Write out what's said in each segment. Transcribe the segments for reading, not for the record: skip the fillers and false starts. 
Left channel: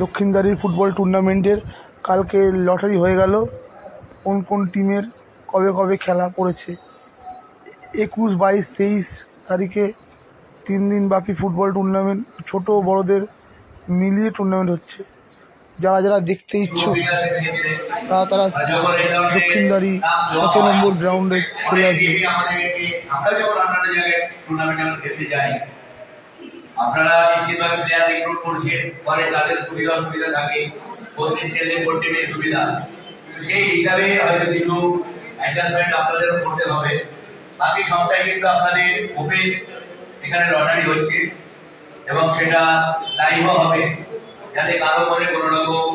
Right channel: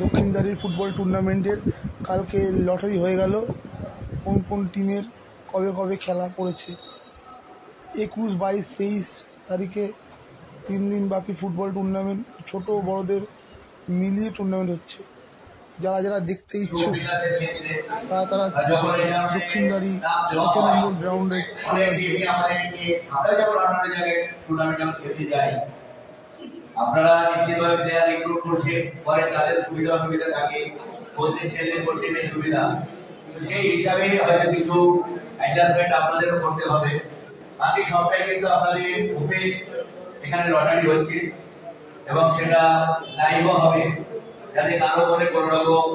দক্ষিণদারির football টুর্নামেন্টের কালকে lottery হয়ে গেল কোন কোন টিমের কবে কবে খেলা পড়েছে। 21, 22, 23 তারিখে 3 দিন ব্যাপী ফুটবল টুর্নামেন্ট, ছোট বড়দের মিলিয়ে টুর্নামেন্ট হচ্ছে। যারা যারা দেখতে ইচ্ছুক তারা দক্ষিণদারি 17 নম্বর গ্রাউন্ডে চলে আসবে। আপনারা নিশ্চিতভাবে প্লেয়ার রিক্রুট করছেন, পরে তাদের সুবিধা অসুবিধা থাকে, কোচিং ট্রেনিং টিমের সুবিধা, সেই হিসাবে হয়তো কিছু অ্যাডজাস্টমেন্ট আপনাদেরও করতে হবে। বাকি সবটাই কিন্তু আপনাদের ওপেন, এখানে লটারি হচ্ছে এবং সেটা লাইভও হবে, যাতে কারো মনে কোনো রকম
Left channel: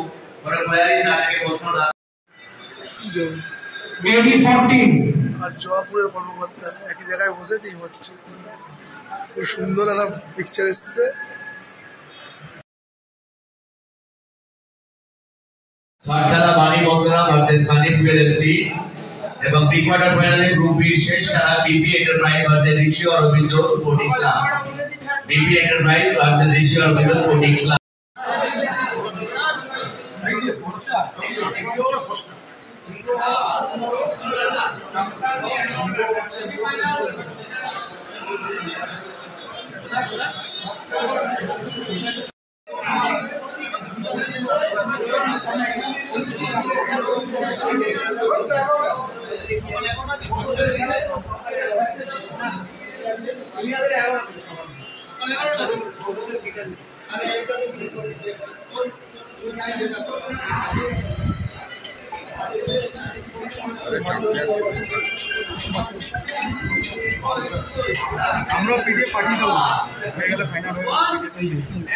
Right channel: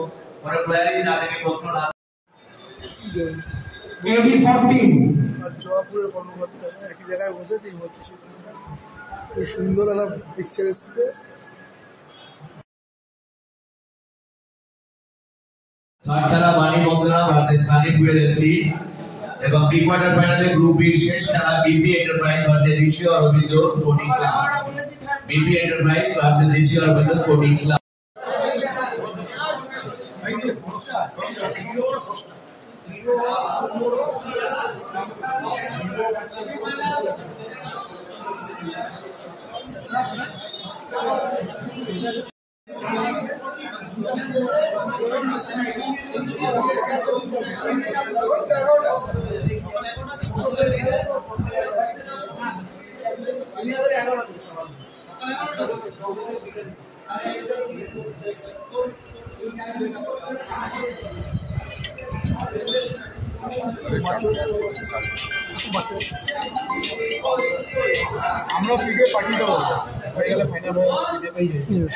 কোনো কোয়ারি না থাকে, প্রশ্ন না। আর জয়পুরের কর্মকর্তা একই জায়গায় বসে টিম হচ্ছে। খুব সুন্দর একটা পিকচার এসছে। খেলা Bani Bandana versus Sunny Fuel FC এবং প্রি কোয়ার্টার ফাইনালে গ্রুপ বি শেষ খেলা BP enterprise versus Rishi Aurobindo sporting club. BP enterprise versus Rishi Aurobindo sporting club. আমরা পিঠে পাঠিয়ে দেবো, হয়ে গেলে ফাইনাল হয়ে গেলে পিঠে